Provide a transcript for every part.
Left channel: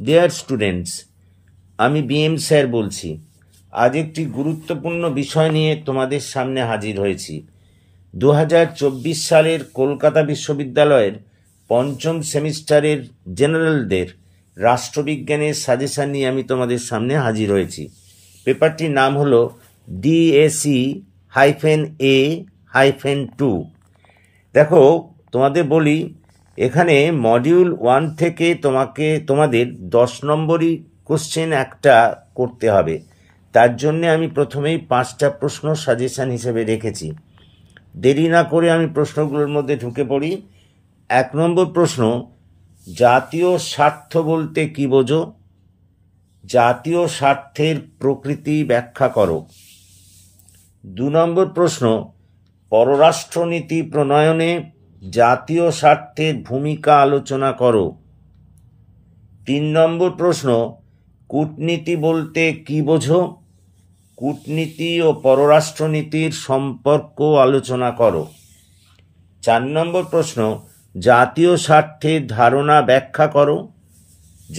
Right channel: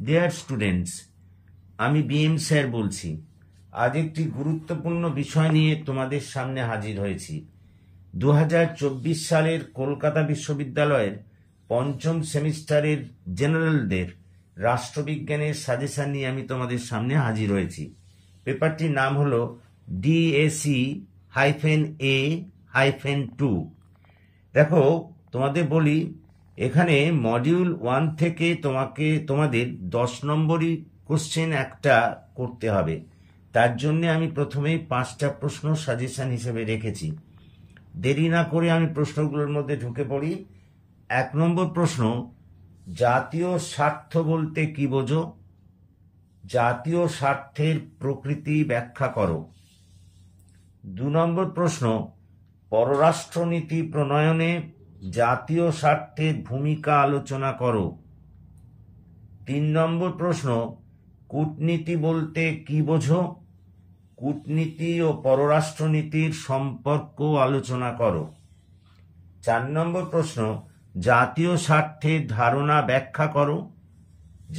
Dear students, আমি BM sir বলছি। আজ একটি গুরুত্বপূর্ণ বিষয় নিয়ে তোমাদের সামনে হাজির হয়েছি। 2024 সালের কলকাতা বিশ্ববিদ্যালয়ের পঞ্চম সেমিস্টারের জেনারেলদের রাষ্ট্রবিজ্ঞানের সাজেশন নিয়ে আমি তোমাদের সামনে হাজির হয়েছি। পেপারটির নাম হলো DAC-A-2। দেখো, তোমাদের বলি, এখানে মডিউল 1 থেকে তোমাদের 10 নম্বরই কোশ্চেন একটা করতে হবে। তার জন্য আমি প্রথমেই 5টা প্রশ্ন সাজেশন হিসেবে রেখেছি। দেরি না করে আমি প্রশ্নগুলোর মধ্যে ঢুকে পড়ি। 1 নম্বর প্রশ্ন, জাতীয় স্বার্থ বলতে কি বোঝো? জাতীয় স্বার্থের প্রকৃতি ব্যাখ্যা করো। 2 নম্বর প্রশ্ন, পররাষ্ট্রনীতি প্রণয়নে জাতীয় স্বার্থের ভূমিকা আলোচনা করো। 3 নম্বর প্রশ্ন, কূটনীতি বলতে কি বোঝো? কূটনীতি ও পররাষ্ট্রনীতির সম্পর্ক আলোচনা করো। 4 নম্বর প্রশ্ন, জাতীয় স্বার্থের ধারণা ব্যাখ্যা করো।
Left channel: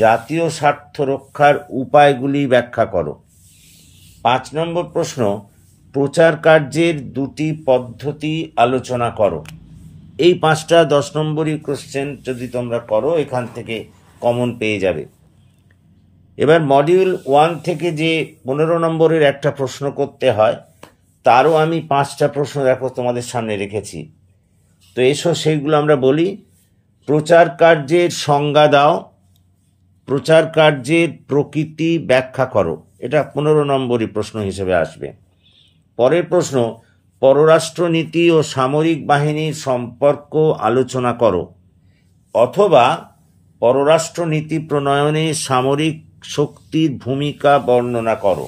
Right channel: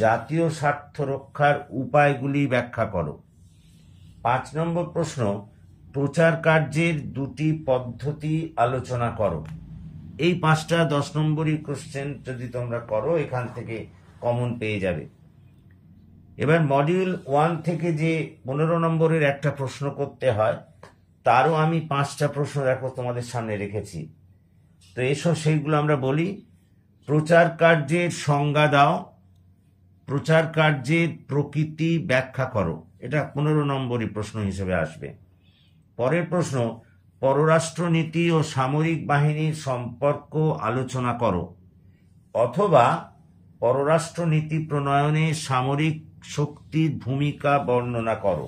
জাতীয় স্বার্থ রক্ষার উপায়গুলি ব্যাখ্যা করো। 5 নম্বর প্রশ্ন, প্রচার কার্যের 2টি পদ্ধতি আলোচনা করো। এই 5টা 10 নম্বরই কোশ্চেন যদি তোমরা করো, এখান থেকে কমন পেয়ে যাবে। এবার মডিউল 1 থেকে যে 15 নম্বরের একটা প্রশ্ন করতে হয়, তারও আমি 5টা প্রশ্ন দেখো তোমাদের সামনে রেখেছি। তো এসো সেইগুলো আমরা বলি। প্রচার কার্যের সংজ্ঞা দাও। প্রচার কার্যের প্রকৃতি ব্যাখ্যা করো। এটা 15 নম্বরই প্রশ্ন হিসেবে আসবে। পরের প্রশ্ন, পররাষ্ট্রনীতি ও সামরিক বাহিনীর সম্পর্ক আলোচনা করো, অথবা পররাষ্ট্রনীতি প্রণয়নে সামরিক শক্তির ভূমিকা বর্ণনা করো।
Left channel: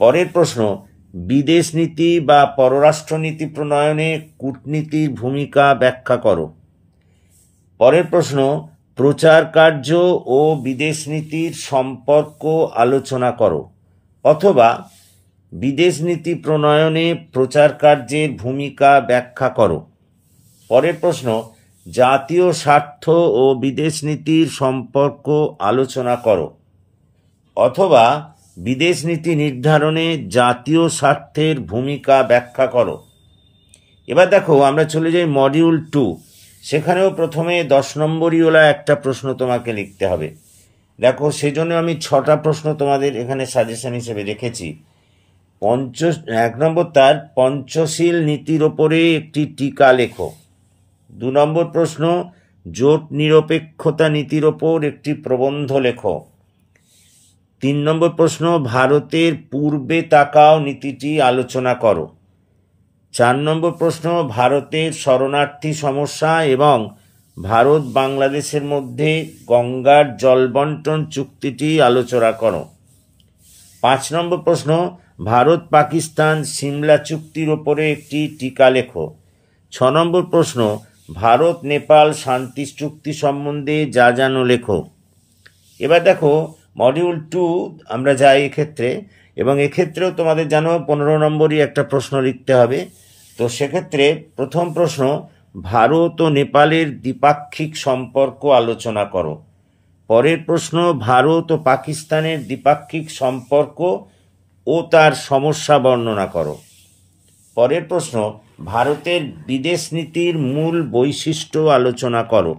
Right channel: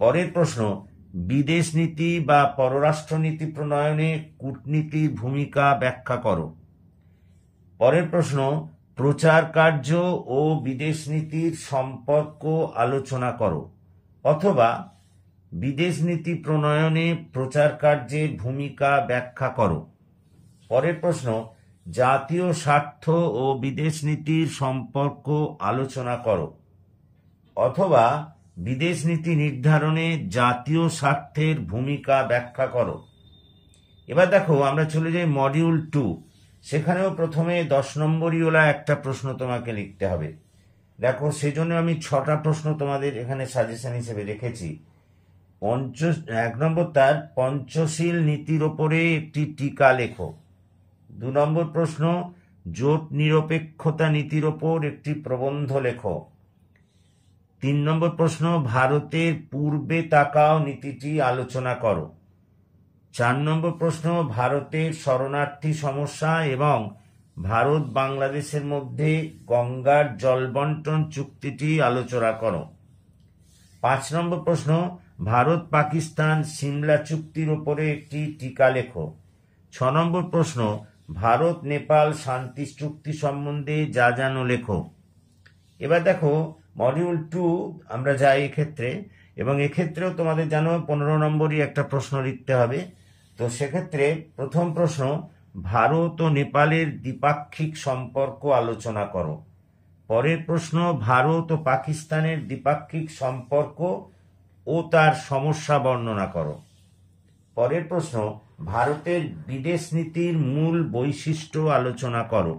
পরের প্রশ্ন, বিদেশ নীতি বা পররাষ্ট্রনীতি প্রণয়নে কূটনীতির ভূমিকা ব্যাখ্যা করো। পরের প্রশ্ন, প্রচার কার্য ও বিদেশ নীতির সম্পর্ক আলোচনা করো, অথবা বিদেশ নীতি প্রণয়নে প্রচার কার্যের ভূমিকা ব্যাখ্যা করো। পরের প্রশ্ন, জাতীয় স্বার্থ ও বিদেশ নীতির সম্পর্ক আলোচনা করো, অথবা বিদেশ নীতি নির্ধারণে জাতীয় স্বার্থের ভূমিকা ব্যাখ্যা করো। এবার দেখো, আমরা চলে যাই মডিউল 2। সেখানেও প্রথমে 10 নম্বরই ওলা একটা প্রশ্ন তোমাকে লিখতে হবে। দেখো, সেজন্য আমি 6টা প্রশ্ন তোমাদের এখানে সাজেশন হিসেবে রেখেছি। 1 নম্বর, তার পঞ্চশীল নীতির ওপরে একটি টিকা লেখো। 2 নম্বর প্রশ্ন, জোট নিরপেক্ষতা নীতির ওপর একটি প্রবন্ধ লেখো। 3 নম্বর প্রশ্ন, ভারতের পূর্বে তাকাও নীতিটি আলোচনা করো। 4 নম্বর প্রশ্ন, ভারতের শরণার্থী সমস্যা এবং ভারত বাংলাদেশের মধ্যে গঙ্গার জল বন্টন চুক্তিটি আলোচনা করো। 5 নম্বর প্রশ্ন, ভারত পাকিস্তান সিমলা চুক্তির ওপরে একটি টিকা লেখো। 6 নম্বর প্রশ্ন, ভারত নেপাল শান্তি চুক্তি সম্বন্ধে যা জানো লেখো। এবার দেখো, মডিউল 2 আমরা যাই এক্ষেত্রে, এবং এক্ষেত্রেও তোমাদের জানো 15 নম্বরই একটা প্রশ্ন লিখতে হবে। তো সেক্ষেত্রে প্রথম প্রশ্ন, ভারত ও নেপালের দ্বিপাক্ষিক সম্পর্ক আলোচনা করো। পরের প্রশ্ন, ভারত ও পাকিস্তানের দ্বিপাক্ষিক সম্পর্ক ও তার সমস্যা বর্ণনা করো। পরের প্রশ্ন, ভারতের বিদেশ নীতির মূল বৈশিষ্ট্য আলোচনা করো।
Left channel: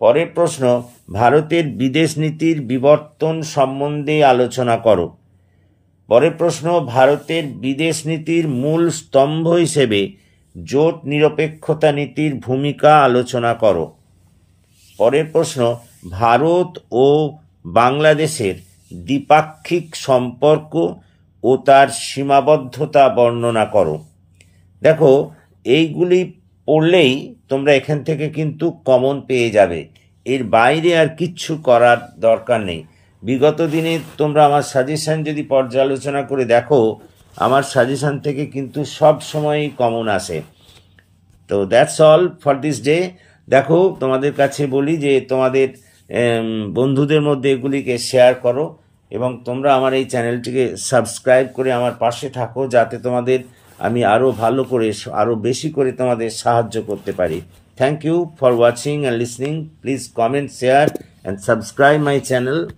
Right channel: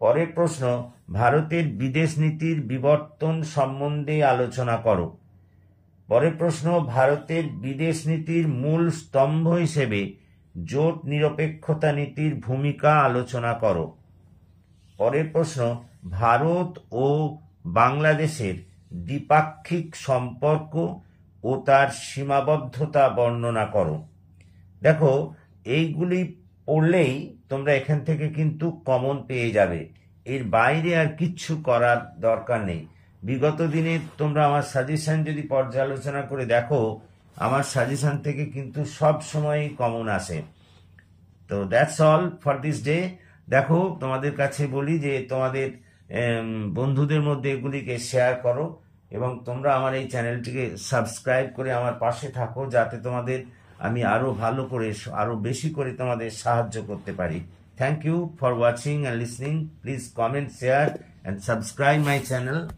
পরের প্রশ্ন, ভারতের বিদেশ নীতির বিবর্তন সম্বন্ধে আলোচনা করো। পরের প্রশ্ন, ভারতের বিদেশ নীতির মূল স্তম্ভ হিসেবে জোট নিরপেক্ষতা নীতির ভূমিকা আলোচনা করো। পরের প্রশ্ন, ভারত ও বাংলাদেশের দ্বিপাক্ষিক সম্পর্ক ও তার সীমাবদ্ধতা বর্ণনা করো। দেখো, এইগুলি পড়লেই তোমরা এখান থেকে কিন্তু কমন পেয়ে যাবে। এর বাইরে আর কিচ্ছু করার দরকার নেই। বিগত দিনে তোমরা আমার সাজেশন যদি পর্যালোচনা করে দেখো, আমার সাজেশন থেকে কিন্তু সব সময়ই কমন আসে। তো that's all for this day. দেখো, তোমাদের কাছে বলি যে তোমাদের বন্ধুদের মধ্যে এগুলিকে শেয়ার করো, এবং তোমরা আমার এই চ্যানেলটিকে সাবস্ক্রাইব করে আমার পাশে থাকো, যাতে তোমাদের আমি আরও ভালো করে, আরও বেশি করে তোমাদের সাহায্য করতে পারি। Thank you for watching and listening. Please comment, share and subscribe my channel.